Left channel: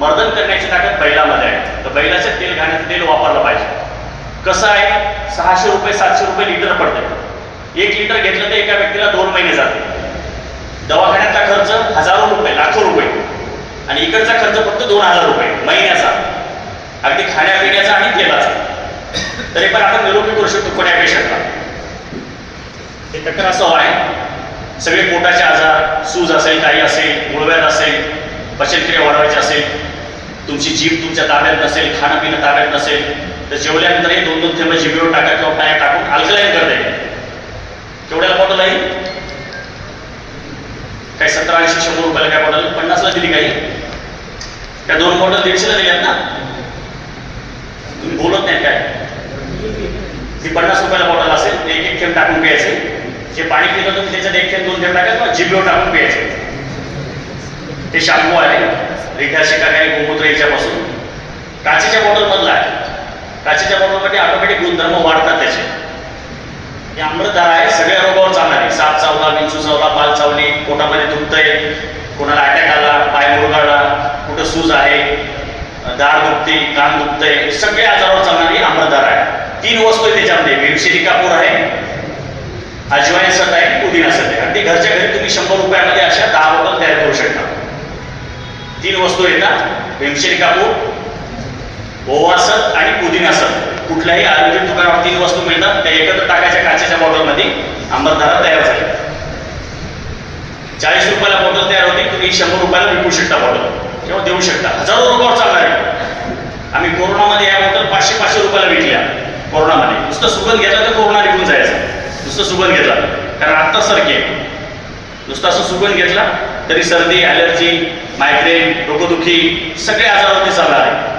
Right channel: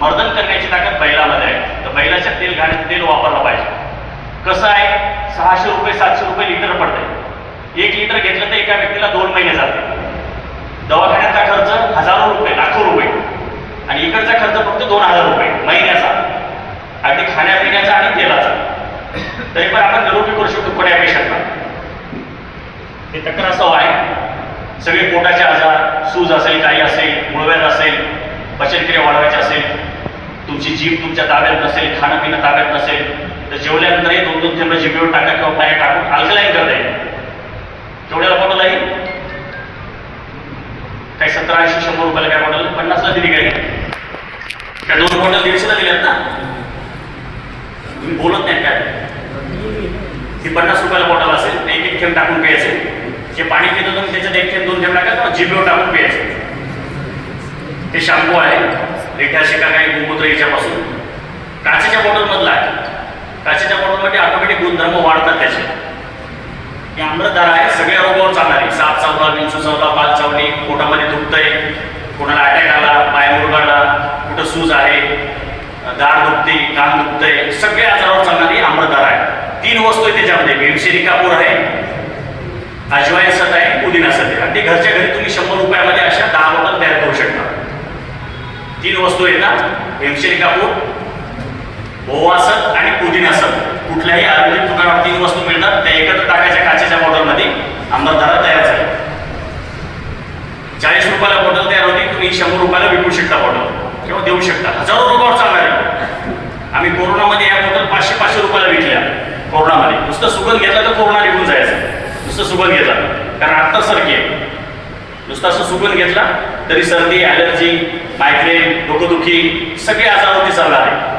मर्दन करण्याची ताकद बैलामध्ये आहे. तर बैलाच्या तेल वापरलं पाहिजे. कसं आहे, 600 रुपये 700 रुपये लिटर पडतंय. 1 लिटर घेतलं तर एका व्यक्तीला 2 महिने जाते. दवाखान्याचा खर्च हजारो रुपये, लाखो रुपये, आणि इकडचा खर्च फक्त 2000 रुपये महिन्याचा, अगदी खाण्यापिण्याचा आणि तेलाचा. तरी पण आपण निरोगी करू शकतो कोण्या पेशंटला. हे तक्रार असं आहे, सगळे पोटाचे आजार, सूज असेल, काही असेल, मूळव्याध असेल, पचनक्रिया वाढवायची असेल, तुमची जीभ तुमच्या ताब्यात नसेल, खाणं पिणं ताब्यात नसेल, तर जेवल्यानंतर हे 2-2 थेंब जिभेवर टाका किंवा पायात टाकून अल्कलाईन करता येईल. केवढ्याला बॉटल आहे? काही 70-80-100 रुपयाला. काय बॉटल 50ला दिली काही? त्या 2 बॉटल 150ला दिल्यात ना? तुम्ही बोलत नाही काय? ती 50 रुपयाला बॉटल असेल, 1-1 थेंब टाकून प्यायचे. जे पाणी पितो तुम्ही त्याच्यात 1 थेंब 2 थेंब टाका किंवा जिभेवर टाकून प्यायचे. हे शॅम्पू आहे, रिठा शिका काही गोमूत्र याच्यापासून. काचेच्या बॉटलमधला आहे. काचेच्या बॉटलमध्ये ऑटोमॅटिक गुणधर्म वाढतात त्याचे. हे आम्लधार आहे, सगळ्या रोगावर चालणारी. साप चावला, विंचू चावला, पाल चावली, पोटामध्ये दुखतंय, कोणाला अटॅक आला, पाय मुरगाळला, कुठं सूज आहे, दाढ दुखते, कान दुखतंय, सगळ्या आजारावर चालणारी आम्लधार आहे. 3 वस्तू आहे त्याच्यामध्ये. भीमसेनी कापूर आहे, अजवाईन सत आहे, पुदिना सत आहे. अगदी घरच्या घरी तुम्ही 100 रुपयामध्ये अशा 10 बॉटल तयार करू शकता. 3 वस्तू येतात, भीमसेनी कापूर, ओवा सत आणि पुदिना सत. कुठल्याही आयुर्वेदिक दुकानावर 3 वस्तू मिळतात, त्या एकत्र टाकायच्या काचेच्या बॉटलमध्ये. आम्लधारा तयार झाली. 40 रुपयाला बॉटल तयार होती, तुम्ही 100 रुपयाला विकू शकता बॉटल किंवा देऊ शकता. हजारो रोगावर चालणारी. आम्ही कोरोनामध्ये या बॉटल 500-500 रुपयाला विकल्या. कोरोनामध्ये नुसतं सुगंध घेतला तर कोरोना निघून जायचा. नुसतं सुगंध घेतला कारण आत्ता सारखे नुसतं असं सुगंध घेतला तरी सर्दी, ॲलर्जी, मायग्रेन, डोकंदुखी सगळे आजारावरती चालला आहे.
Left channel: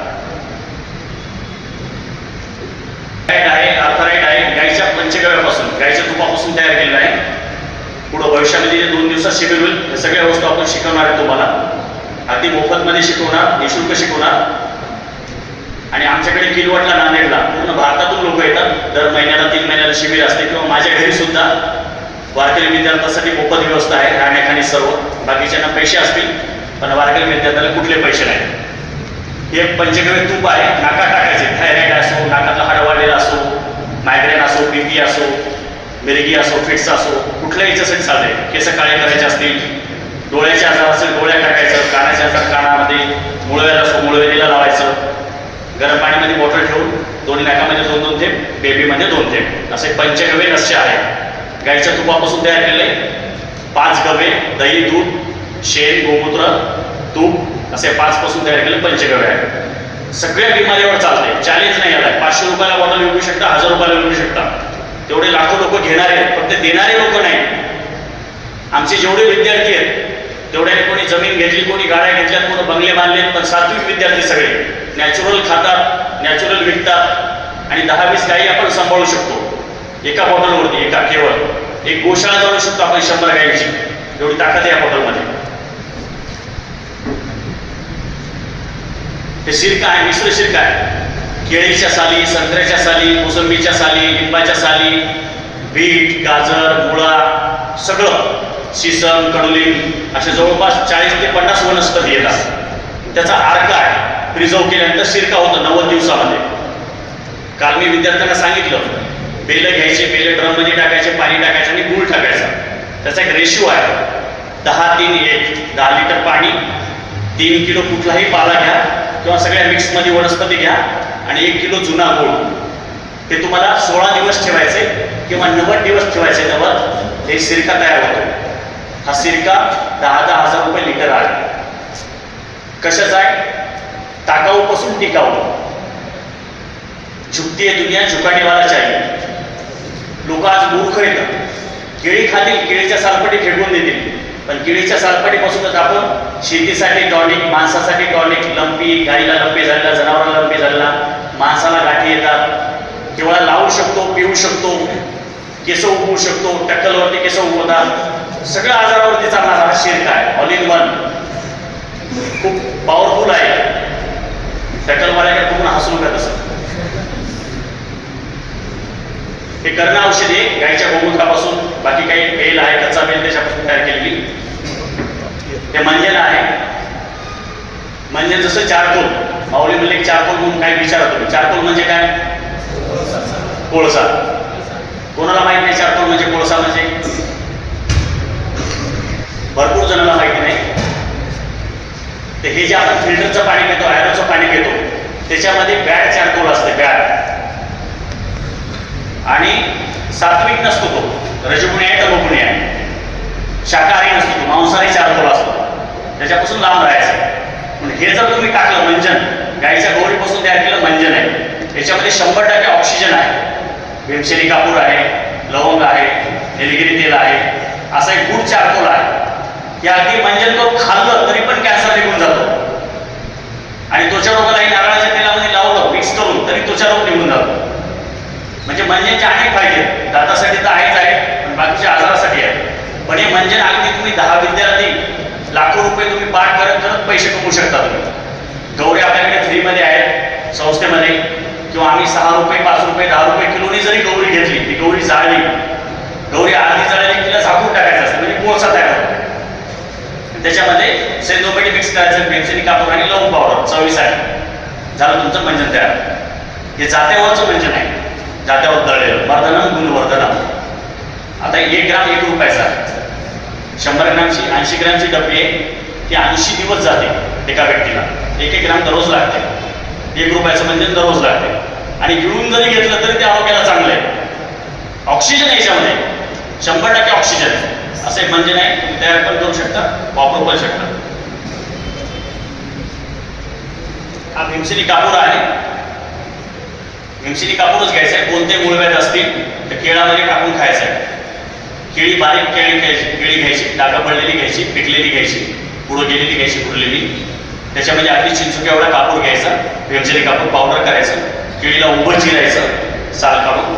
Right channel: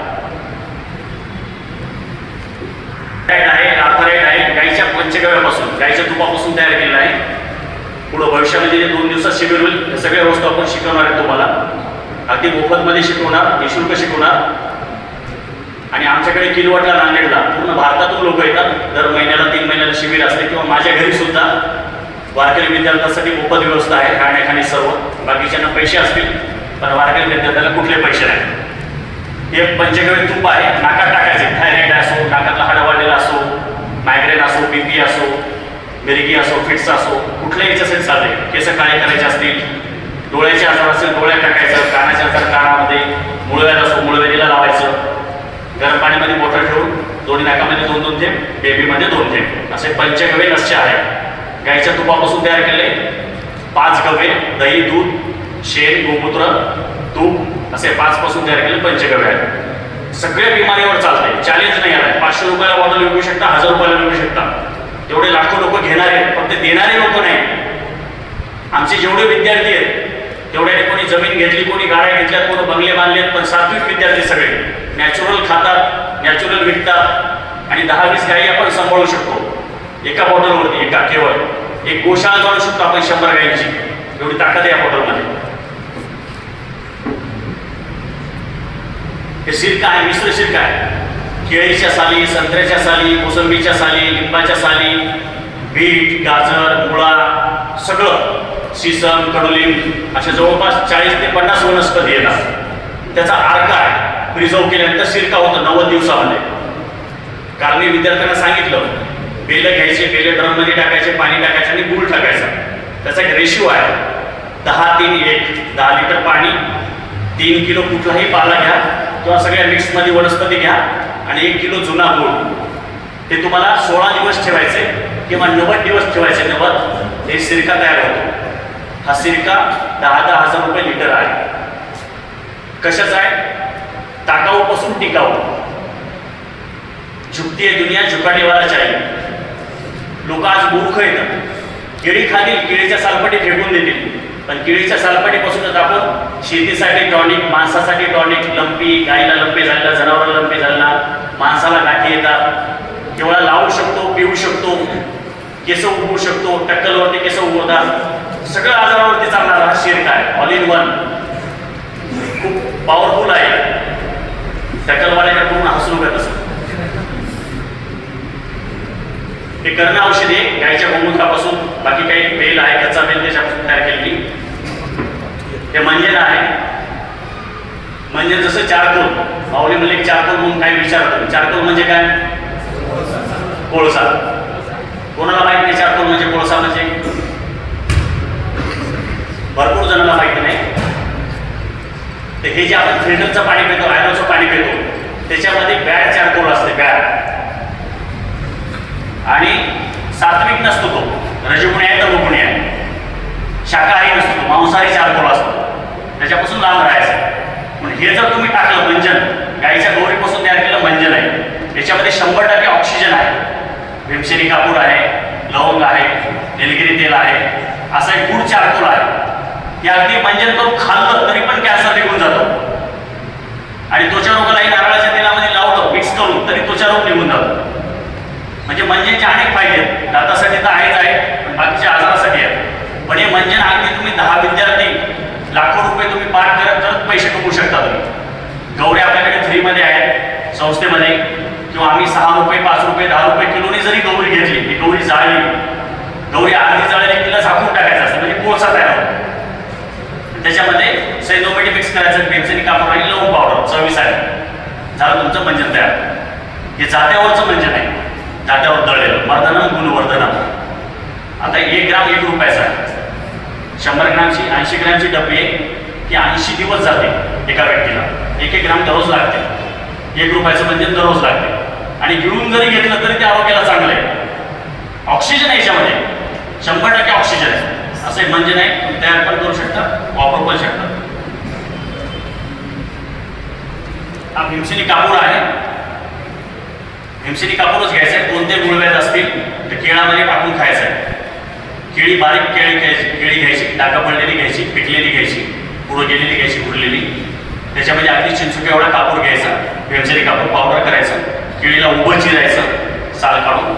आर्थराईट आहे, गाईच्या पंचगव्यापासून, गाईच्या तुपापासून तयार केलेलं आहे. पुढं भविष्यामध्ये जे 2 दिवसात शिबिर होईल, हे सगळ्या वस्तू आपण शिकवणार आहे तुम्हाला. अगदी मोफतमध्ये शिकवणार, निःशुल्क शिकवणार. आणि आमच्याकडे किनवटला, नांदेडला पूर्ण भारतातून लोक येतात. दर महिन्याला 3 महिन्याला शिबिर असते. किंवा माझ्या घरी सुद्धा वारकरी विद्यार्थ्यांसाठी मोफत व्यवस्था आहे, राहण्याखाणे सर्व. बाकीच्यांना पैसे असतील, पण वारकरी विद्यार्थ्याला कुठले पैसे नाही. हे पंचगव्य तूप आहे, नाकात टाकायचे. थायरॉइड असो, नाकातला हाड वाढलेला असो, मायग्रेन असो, बीपी असो, मिरगी असो, फिट्स असो, कुठल्याही याच्यासाठी चालते. केस काळे करायचे असतील, डोळ्याचे आजार असेल डोळ्यात टाकायचं, कानाचे आजार कानामध्ये, मुळव्याध असो मुळव्याधीला लावायचं. गरम पाणीमध्ये बॉटल ठेवून दोन्ही नाकामध्ये 2-2 थेंब, बेबीमध्ये 2 थेंब, असे पंचगव्य नस्य आहे. गाईच्या तुपापासून तयार केले. 5 गव्य, दही, दूध, शेण, गोमूत्र, तूप असे 5 पासून तयार केले पंचगव्य आहे. सगळ्या बिमारीवर चालते. चॅलेंज नाही आलाय. 500 रुपयाला बॉटल विकू शकता, 1000 रुपयाला विकू शकता. तेवढे लाखो लोक घेणारे आहेत, पण ते देणारे लोक नाही. आमचे जेवढे विद्यार्थी आहेत तेवढ्याने कोणी जमीन घेतली, कोणी गाड्या घेतल्या, कोणी बंगले बांधले, पण सात्विक विद्यार्थी सगळे. नॅचरल खातात, नॅचरल विकतात आणि 10-20 गायी आपण सांभाळू शकतो एका बॉटलवरती. एका केवळ एक गोशाळा जाणू शकतो आपण 100 गायीची. एवढी ताकद आहे या बॉटलमध्ये. हे सिरका आहे, मिश्र सिरका आहे. केळीच्या साली, संत्र्याच्या साली, मोसंबीच्या साली, लिंबाच्या साली, बीट, गाजर, मुळा, सगळं, सीसम, कडुलिंब असे जवळपास 40 ते 50 वनस्पती येतात. त्याचा अर्क आहे, प्रिझर्व केल्यानंतर सिरका होतं 90 दिवसामध्ये. काल मी विद्यार्थ्यांना सांगितलं, बेलं घ्यायचे, बेलं ड्रममध्ये टाकायचे, पाणी टाकायचं आणि गूळ टाकायचा. त्याचा एक रेशिओ आहे 10-3-1. 10 लिटर पाणी, 3 किलो कुठलाही पाला घ्या किंवा सगळ्या मिक्समध्ये वनस्पती घ्या आणि 1 किलो जुना गूळ. ते तुम्हाला 16 दिवस ठेवायचे किंवा 90 दिवस ठेवायचे. तेव्हा हे सिरका तयार होतो. हा सिरका 10-10 हजार रुपये लिटर आहे. कशाचा आहे? टाकाऊपासून टिकाऊ. झुकती आहे दुनिया, झुकाने वाला चाहिए. लोक आज मूर्ख येतात. केळी खातील, केळीच्या सालपटी फेकून देतील, पण केळीच्या सालपटीपासूनच आपण शेतीसाठी टॉनिक, माणसासाठी टॉनिक, लंपी, गाईला लंपी झाला, जनावराला लंपी झाला, माणसाला गाठी येतात, केवळ लावू शकतो, पिऊ शकतो, केस उगवू शकतो, टक्कलवरती केस उगवतात. सगळ्या आजारावरती चालणारा हा सिरका आहे. ऑल इन वन, खूप पॉवरफुल आहे. टक्कलवाल्याकडे पूर्ण हसून घेत असत. हे कर्ण औषध आहे गायच्या गोमूत्रापासून. बाकी काही बेल आहे, कच्चा बेल त्याच्यापासून तयार केलेली. हे मंजेरा आहे. म्हणजे जसं चारकोल, माऊली म्हणजे चारकोल म्हणून काय विचारतो, चारकोल म्हणजे काय? कोळसा. कोणाला माहित नाही चारकोल म्हणजे कोळसा म्हणजे? भरपूर जणांना माहिती नाही. तर हे जे आपण फिल्टरचं पाणी पितो, आयरनचं पाणी पितो, त्याच्यामध्ये बॅड चारकोल असते, बॅड. आणि सात्विक नसतो तो, रजगुणी आहे तर गुणी आहे, शाकाहारी नसतो तो, मांसाहारी चारकोल असतो, त्याच्यापासून लांब राहायचं. पण हे जर तुम्ही टाकलं मंजन, गाईच्या गौरीपासून तयार केलं मंजन आहे, त्याच्यामध्ये 100% ऑक्सिजन आहे, भीमसेनी कापूर आहे, लवंग आहे, निलगिरी तेल आहे, असा एक गुड चारकोल आहे. ते अगदी मंजन करून खाल्लं तरी पण कॅन्सर निघून जातो. आणि त्वचा रोगालाही नारळाच्या तेलामध्ये लावलं मिक्स करून तरी त्वचा रोग निघून जातो. म्हणजे मंजनचे अनेक फायदे, दातासाठी तर आहेच आहे, पण बाकीच्या आजारासाठी आहे. पण हे मंजन अगदी तुम्ही 10 विद्यार्थी लाखो रुपये तुम्ही पाठ करत करत पैसे कमवू शकता तुम्ही. गौरी आपल्याकडे फ्रीमध्ये आहेत संस्थेमध्ये, किंवा आम्ही 6 रुपये 5 रुपये 10 रुपये किलोनी जरी गौरी घेतली, ती गौरी जाळली, गौरी आधी जाळली तिला झाकून टाकायचं असतं, म्हणजे कोळसा तयार होतो. त्याच्यामध्ये सैंधवपैठी मिक्स करायचं, भीमसेनी कापूर आणि लवंग पावडर 24 आहे, झालं तुमचं मंजन तयार. हे जात्यावरचं मंजन आहे, जात्यावर दळलेलं, वर्धनम गुणवर्धनम. आता 1 ग्राम 1 रुपयाचा आहे, 100 ग्रामची 80 ग्रामची डबी आहे, ती 80 दिवस जाते एका व्यक्तीला. 1 ग्राम दररोज लागते, 1 रुपयाचं मंजन दररोज लागते. आणि गिळून जरी घेतलं तरी ते आरोग्याला चांगलं आहे. ऑक्सिजन आहे याच्यामध्ये, 100% ऑक्सिजन आहे. असं एक मंजन आहे, तुम्ही तयार पण करू शकता, वापरू पण शकता. हा भीमसेनी कापूर आहे, भीमसेनी कापूरच घ्यायचा आहे. कोणते गुळव्याध असतील तर केळामध्ये टाकून खायचं आहे. केळी बारीक केळी घ्यायची, डागा पडलेली घ्यायची, पिकलेली घ्यायची, पुढं गेलेली घ्यायची, उरलेली. त्याच्यामध्ये अगदी चिंचुक्या एवढा कापूर घ्यायचा, भीमसेनी कापूर पावडर करायचं, केळीला उभं चिरायचं साल काढून,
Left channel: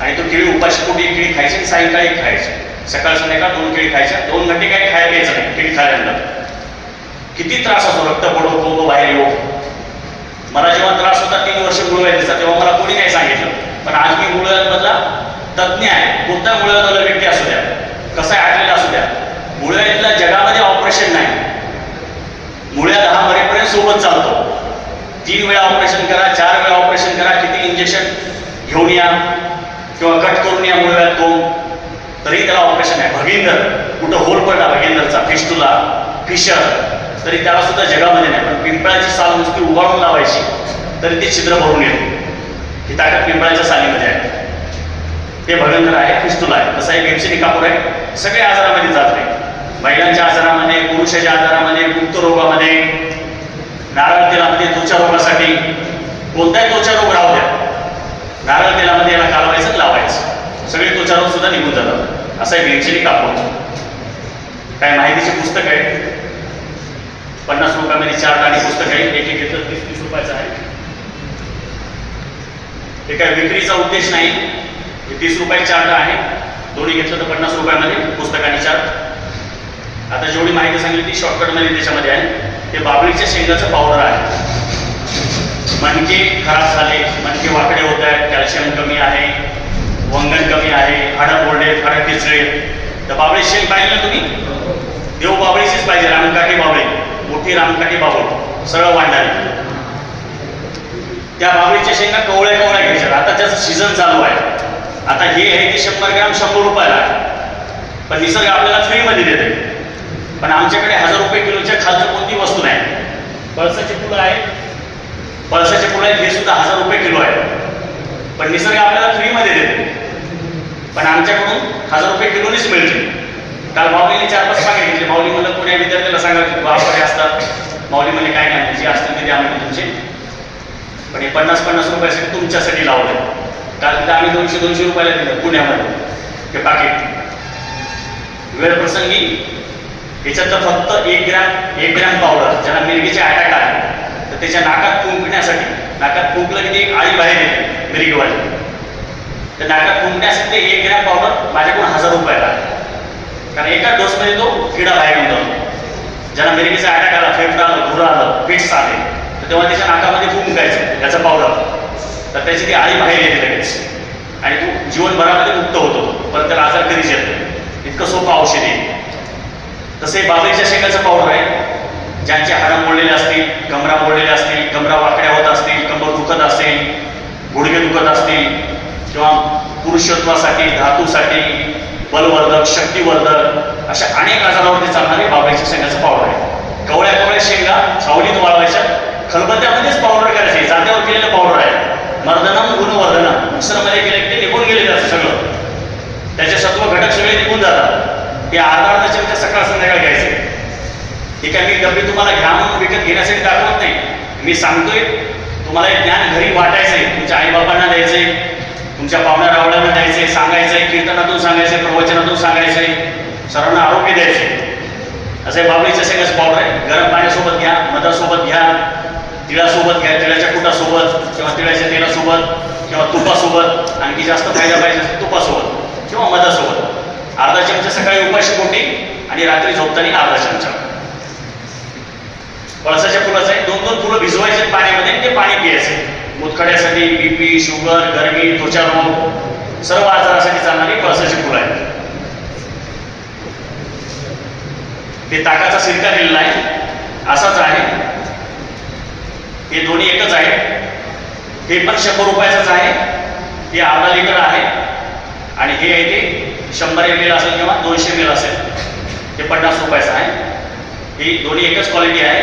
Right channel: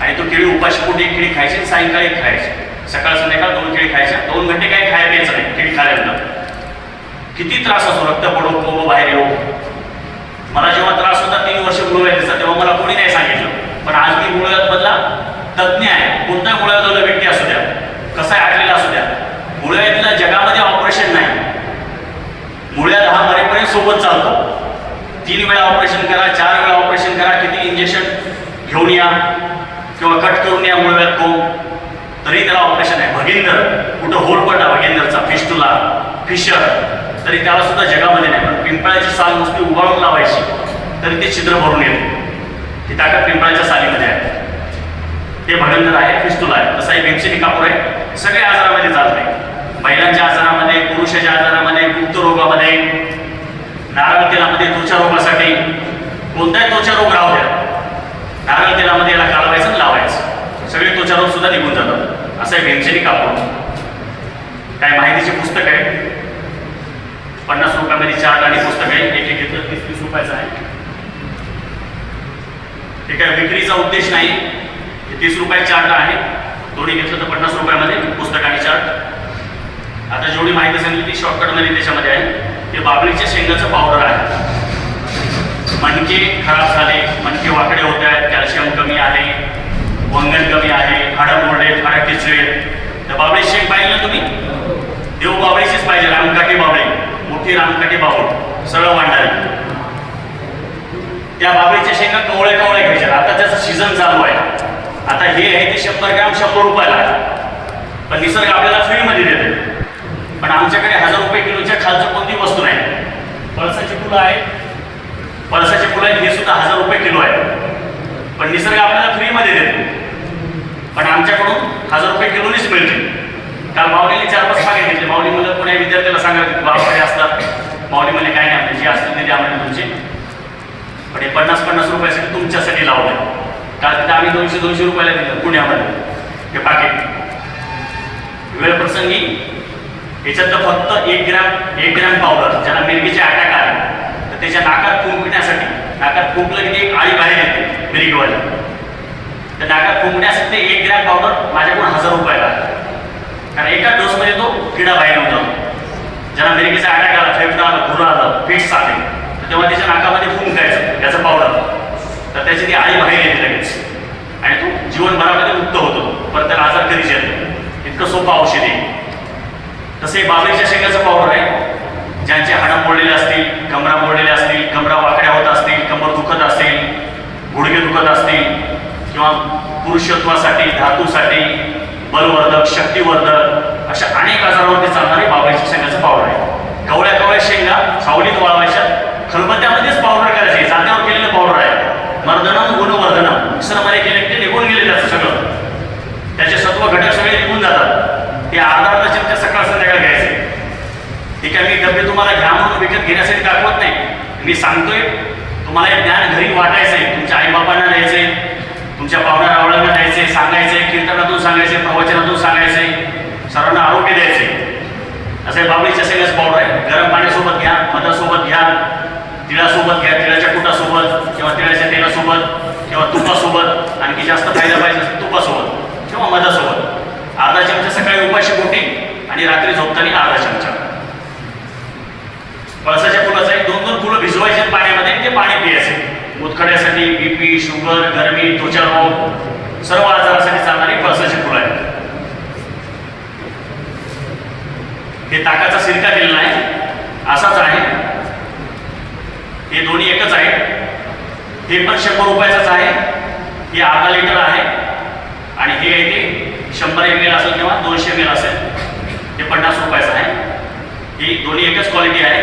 आणि तो केळी उपाशी पोटी 1 केळी खायची, सायंकाळी खायची, सकाळ संध्याकाळ 2 केळी खायच्या. 2 घंटे काही खायला घ्यायचं नाही केळी खाल्यानंतर. किती त्रास होतो, रक्त पडो कोंब बाहेर येऊ. मला जेव्हा त्रास होता 3 वर्ष गुळव्याधीचा, तेव्हा मला कोणी नाही सांगितलं. पण आज मी गुळव्याधीमधला तज्ज्ञ आहे. कोणता गुळव्याधीवाला व्यक्ती असू द्या, कसा आटलेला असू द्या, गुळव्याधीला जगामध्ये ऑपरेशन नाही. मुळ्या 10 मरेपर्यंत सोबत चालतो. 3 वेळा ऑपरेशन करा, 4 वेळा ऑपरेशन करा, किती इंजेक्शन घेऊन या किंवा कट करून या मुळव्याध कोंब, तरी त्याला ऑपरेशन आहे. भगिंदर, कुठं होल पडला भगिंदरचा, फिस्टुला, फिशर, तरी त्याला सुद्धा जगामध्ये नाही. पण पिंपळाची साल नुसती उगाळून लावायची तरी ते छिद्र भरून येते. ही ताकद पिंपळाच्या सालीमध्ये आहे. ते भगिंदर आहे, फिस्टुला आहे. तसं हे भीमसेनी कापूर आहे. सगळ्या आजारामध्ये जात नाही. महिलांच्या आजारामध्ये, पुरुषाच्या आजारामध्ये, गुप्त रोगामध्ये, नारळ तेलामध्ये, त्वचा रोगासाठी, कोणताही त्वचा रोग राहू द्या, नारळ तेलामध्ये याला कालवायचं, लावायचं, सगळे त्वचा रोग सुद्धा निघून जातात. असं आहे भीमसेनी कापूर. काय माहितीचे पुस्तक आहे, 50 रुपयामध्ये 4 आणि पुस्तक आहे. एक घेतलं 30 रुपयाचं आहे. ते काय विक्रीचा उद्देश नाही, 30 रुपये चार्ट आहे. दोन्ही घेतलं तर 50 रुपयामध्ये पुस्तक आणि चार्ट. आता जेवढी माहिती सांगितली ती शॉर्टकटमध्ये त्याच्यामध्ये आहे. ते बाबळीच्या शेंगाचं पावडर आहे. मणके खराब झाले, मणके वाकडे होत आहेत, कॅल्शियम कमी आहे, वंगण कमी आहे, हाडं मोडले, हाडं किचले, तर बाबळी शेंग पाहिजे ना तुम्ही, देव बाबळीचीच पाहिजे. रामकाठी बाबळी, मोठी रामकाठी बाबळ, सरळ वाढणारी. त्या बाबळीच्या शेंगा कवळे कवळे घ्यायच्या. आता त्याचं सीझन चालू आहे. आता हे आहे ते 100 ग्रॅम 100 रुपयाला आहे. पण निसर्ग आपल्याला फ्रीमध्ये देते. पण आमच्याकडे 1000 रुपये किलोच्या खालचं कोणती वस्तू नाही. पळसाची फुलं आहेत, पळसाचे फुलं आहेत, हे सुद्धा 1000 रुपये किलो आहे. पण निसर्ग आपल्याला फ्रीमध्ये देते. पण आमच्याकडून 1000 रुपये किलोनीच मिळते. काल माऊलीने 4-5 पागे घेतले. माऊली म्हणलं कोण्या विद्यार्थ्याला सांगा बाबाकडे असतात. माऊली म्हणले काय नाही, जे असतील ते द्या म्हणजे तुमचे. पण हे 50-50 रुपयासाठी तुमच्यासाठी लावले. काल तिथे आम्ही 200-200 रुपयाला दिलं पुण्यामध्ये हे पाकिट. वेळ प्रसंगी याच्यात फक्त 1 ग्रॅम पावडर, ज्याला मिरगीचे अटॅक आहे, तर त्याच्या नाकात फुंकण्यासाठी, नाकात फुंकलं की एक आळी बाहेर येते मिरगीवाली, तर नाकात फुंकण्यासाठी 1 ग्रॅम पावडर माझ्याकडून 1000 रुपयाला. कारण एका डोसमध्ये तो किडा बाहेर येऊन जातो. ज्याला मिरगीचा अटॅक आला, फेफडा आला, घुरा आलं, फिट्स आले, तर तेव्हा त्याच्या नाकामध्ये फुंकायचं याचं पावडर, तर त्याची ती आळी बाहेर येते लगेच आणि तो जीवनभरामध्ये मुक्त होतो. पण त्याला आजार कधीच येत नाही. इतकं सोपं औषध आहे. तसे बाबळीच्या शेंगाचं पावडर आहे. ज्यांचे हाडं मोडलेले असतील, कमरा मोडलेले असतील, कमरा वाकड्या होत असतील, कंबर दुखत असेल, गुडघे दुखत असतील, किंवा पुरुषत्वासाठी, धातूसाठी, बलवर्धक, शक्तिवर्धक अशा अनेक आजारावरती चालणारे बाबळीच्या शेंगाचं पावडर आहे. कवळ्या कवळ्या शेंगा सावलीत वाळवायच्या, खलबत्त्यामध्येच पावडर करायचे, जात्यावर केलेलं पावडर आहे. मर्दनम गुणवर्धनम मिश्रणामध्ये केले ते निघून गेले त्याचं सगळं, त्याचे सत्व घटक सगळे निघून जातात. ते अर्धा चमचा सकाळ संध्याकाळ घ्यायचे. ठीक आहे, मी डबे तुम्हाला घ्या म्हणून विकत घेण्यासाठी दाखवत नाही, मी सांगतोय तुम्हाला हे ज्ञान घरी वाटायचं आहे, तुमच्या आईबापांना द्यायचंय, तुमच्या पाहुण्या रावळ्यांना द्यायचंय, सांगायचंय, कीर्तनातून सांगायचंय, प्रवचनातून सांगायचंय, सर्वांना आरोग्य द्यायचंय. असं बाबळीच्या शेंगाचं पावडर आहे. गरम पाण्यासोबत घ्या, मधासोबत घ्या, तिळासोबत घ्या, तिळाच्या कुटासोबत किंवा तिळाच्या तेलासोबत किंवा तुपासोबत, आणखी जास्त फायदा पाहिजे असेल तुपासोबत किंवा मधासोबत. अर्धा चमचा सकाळी उपाशी पोटी आणि रात्री झोपताना अर्धा चमचा. पळसाच्या फुलाचं आहे, 2-2 फुलं भिजवायचे पाण्यामध्ये आणि ते पाणी प्यायचे. मुतखड्यासाठी, बीपी, शुगर, गरमी, त्वचा रोग, सर्व आजारासाठी चालणारी पळसाची फुलं आहेत. हे ताकाचा सिरका दिलेला आहे, असाच आहे. हे दोन्ही एकच आहे. हे पण 100 रुपयाचंच आहे. हे अर्धा लिटर आहे आणि हे आहे ते 100 ml असेल किंवा 200 ml असेल, हे 50 रुपयाचं आहे. ही दोन्ही एकच क्वालिटी आहे.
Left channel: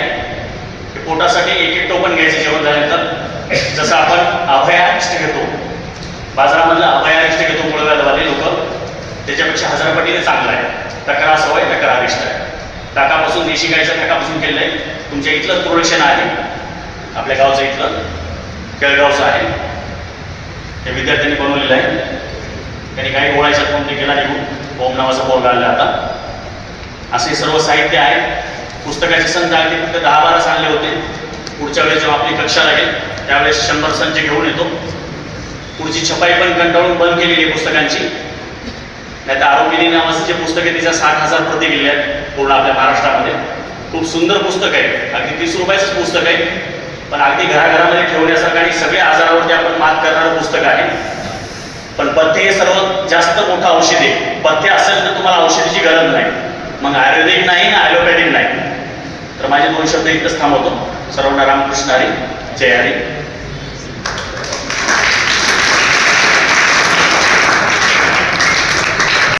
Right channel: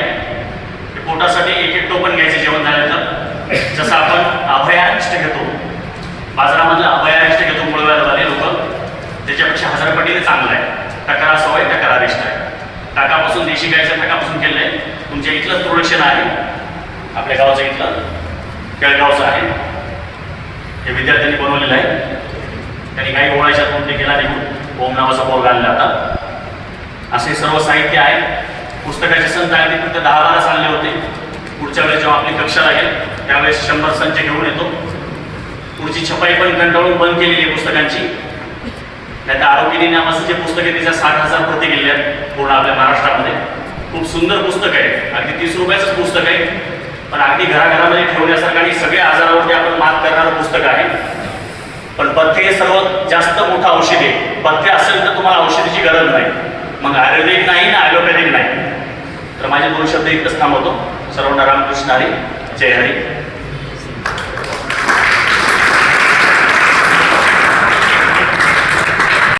हे पोटासाठी एक टोपण घ्यायचं जेवण झाल्यानंतर. जसं आपण अभयारिष्ट घेतो, बाजारामधलं अभयारिष्ट घेतो मुळव्याधवाले लोक, त्याच्यापेक्षा 1000 पटीने चांगलं आहे. टकरा सवय टकरारिष्ट आहे. टाकापासून देशी गाईच्या टाकापासून केलेलं आहे. तुमच्या इथलं प्रोडक्शन आहे, आपल्या गावचं इथलं केळगावचं आहे. हे विद्यार्थ्यांनी बनवलेलं आहे. त्यांनी काही गोळ्याच्या कोणते केला निघून ओम नावाचा बोर्ड आणला आता. असे सर्व साहित्य आहे. पुस्तकाचे संच अगदी फक्त 10-12 चालले होते. पुढच्या वेळेस जेव्हा आपली कक्षा लागेल त्यावेळेस 100 संच घेऊन येतो. पुढची छपाई पण कंटाळून बंद केलेली आहे पुस्तकांची. त्यात आरोग्यनी नावाचं जे पुस्तक आहे त्याच्या 60,000 प्रती गेले आहेत पूर्ण आपल्या महाराष्ट्रामध्ये. खूप सुंदर पुस्तक आहे. अगदी 30 रुपयाचंच पुस्तक आहे, पण अगदी घराघरामध्ये ठेवण्यासारखं आणि सगळ्या आजारावरती आपण मात करणारं पुस्तक आहे. पण पथ्य हे सर्वात जास्त मोठं औषध आहे. पथ्य असेल तर तुम्हाला औषधाची गरज नाही, मग आयुर्वेदिक नाही ना ॲलोपॅथिक नाही. तर माझे 2 शब्द इतकंच थांबवतो. सर्वांना रामकृष्ण हरी, जय हरी.